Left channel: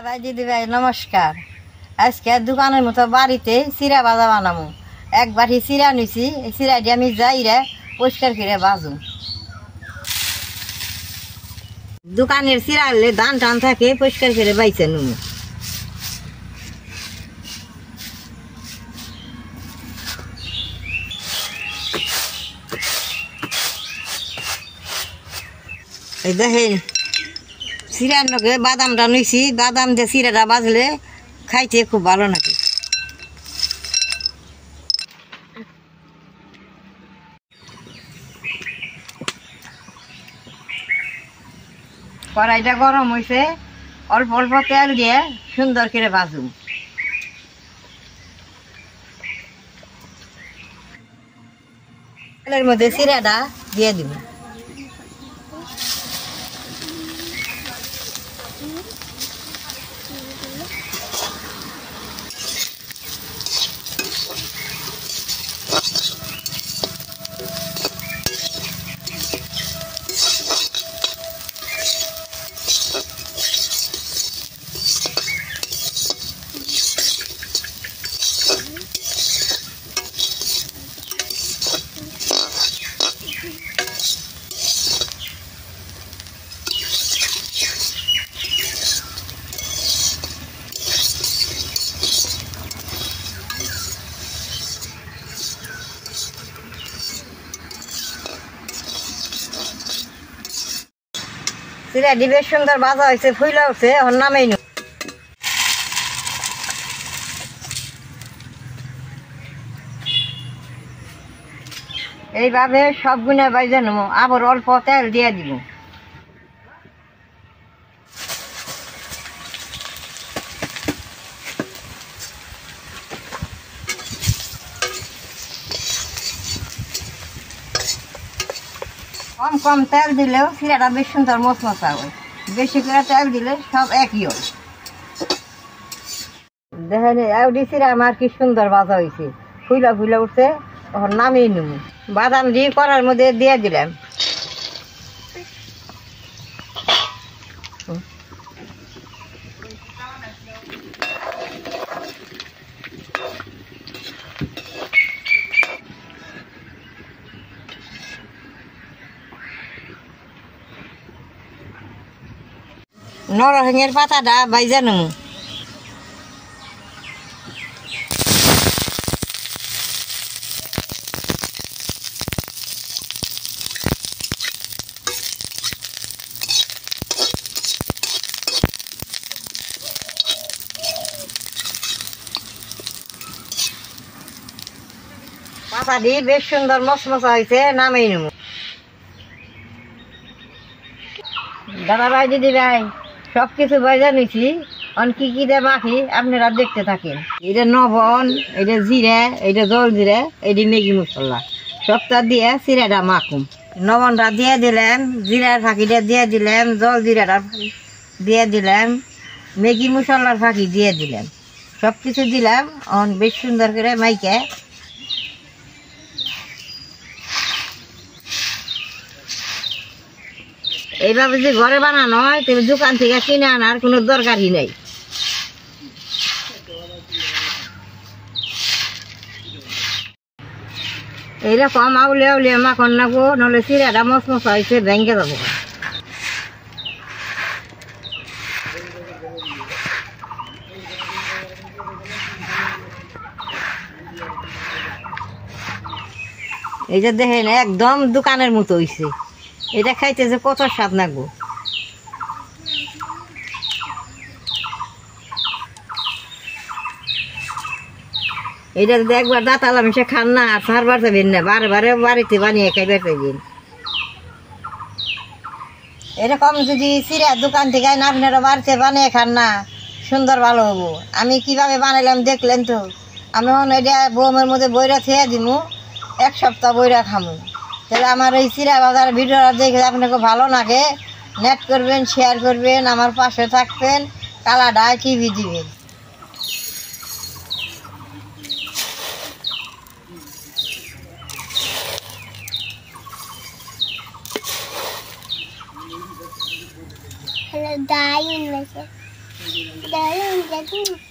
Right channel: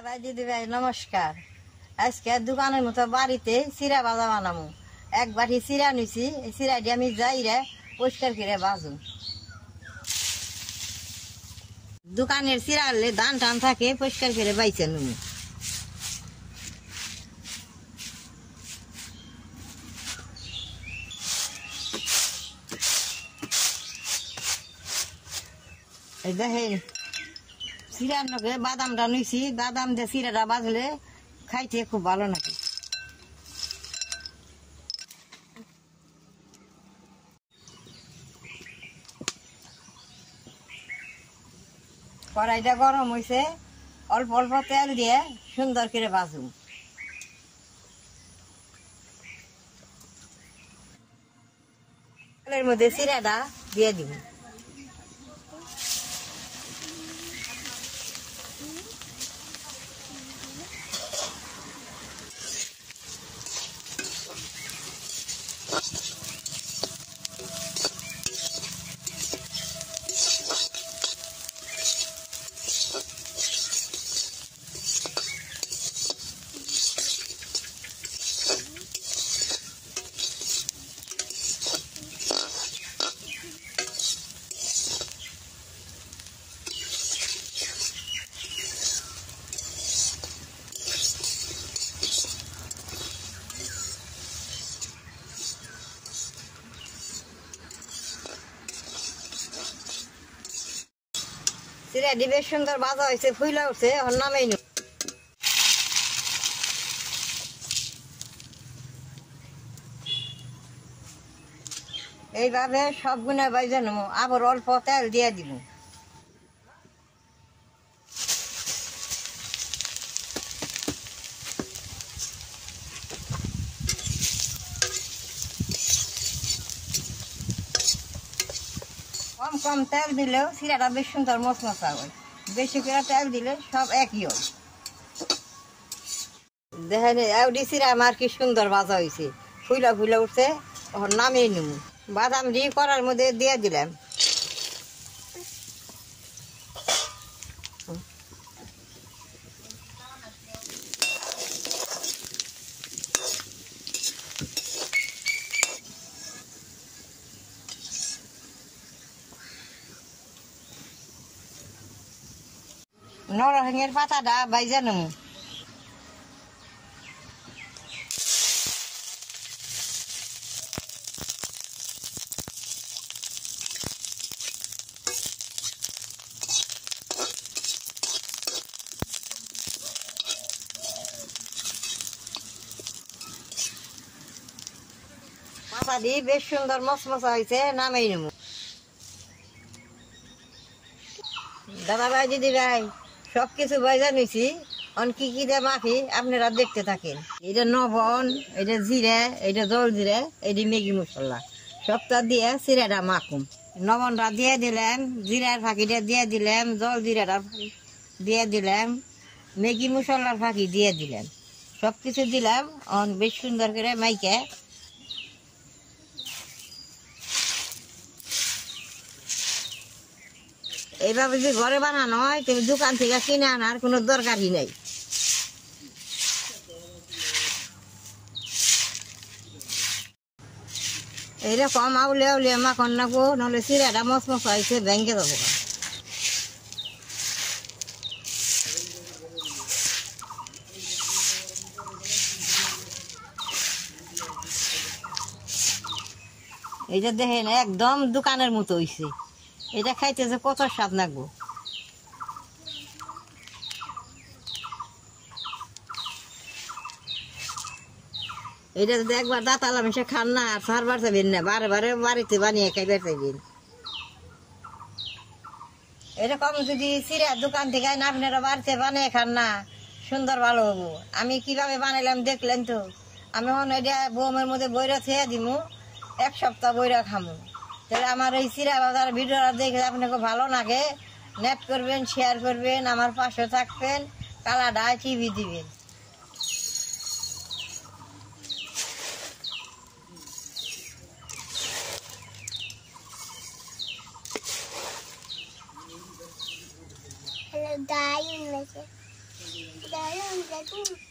দাদা ভাই দিদি ভাই নমস্কার। আজকে দোকানের মতো বাড়িতে চিরা ভাজা বানাবো। এক বাটি চিরা নিছি, এই চিরাটি আমি যাইরে পরিষ্কার করে ভাজু। দোকানের চিরা হলে ধান টান থাকে, পরিষ্কার করে বাইছে নুন। এই দেখেন চিরার লগে বাদামটা নিছি, বাদাম দিয়ে চিরাটা বাজলে খাইতে খুব ভালো লাগে। কড়াইটা গরম হয়েছে, অল্প অল্প তেল দিয়ে সুন্দর করে ভাজুম। তেলের মধ্যে চিরাটা দিয়ে দিব। চিরাটি বেশ সুন্দর ভাজা হয়েছে, ফুলে উঠছে, এখন নামেই নি। এইভাবে সব গুণে বাইজে নেব, আবার অল্প তেল দিয়ে দিব। কম কম তেল দিলেও চিরাটা বেশ সুন্দর মচমচা হয়, বেশি করে তেল দিলে সব একই হয়। দেখেন এউডি চিরা আমার কি সুন্দর ভাজা হয়েছে, ফুলা ফুলা উঠছে, তখন নামিয়ে নেব। বাদাম দিয়ে কড়ার মধ্যে দিয়ে দিলাম। নরসিংহের পাতাটা বাইজা নেব। পাতাটি বেশ সুন্দর মচমচা হয়েছে, নামিয়ে নেব। দাদা ভাই দিদি ভাই সব কিছু বাইজা নিছি, কি কি দিয়ে মাখি আপনারা দেখতে থাকেন। এটা লবণ, এটা জিরা, এটা জল জিরা, এটা ম্যাগি মশলা, সবটা দিয়ে চিরাটা মাখুম। লবণটা দিয়ে দিলাম, জিরার ফাঁকিটা দিয়ে দিলাম, জল জিরাটা দিয়ে দিলাম, ম্যাগি মশলার ফাঁকি দিয়ে দিলাম, সব কিছু দিলাম। বেশ সুন্দর করে মাইকে এইভাবে যদি ঘরে বানানো হয় তাহলে দোকান থেকে কিনে আনার কোনো দরকারই নেই। এইরকম আউলে আউলে মাখন নাগো, নাহলে চিরাটা মচমচা হয়েছে ভেঙে যাবো। এইটা দেখেন একদম দোকানের মতো হয়েছে, এটা খাইতে যে কত স্বাদ লাগবো। এটা যদি একবার দাঁতালাম সে খান না, আর সারবার যাবেন না, বারে বারে বাড়িতে বানিয়ে খাইবার যাবেন। এরকম যদি চিরা দোকান থেকে না আপনারা বাড়িতে বানিয়ে খান না, সুন্দর ভালো হবো। আমি কিভাবে বানাইলাম দেখলেন তো। আমি এখন এটা বোমের মধ্যে বইরা খেয়ে দিব, এক সপ্তাহ বইরা খামু। তাহলে আমার এই চিরা বাজার ভিডিওটা দেখে আপনাকে ভালো লাগে, নেট করবেন, শেয়ার করবেন, আমার পাশে থাকবেন, কালাডায় টিভি দিবেন। Hello, dying with it. Dalam jagung.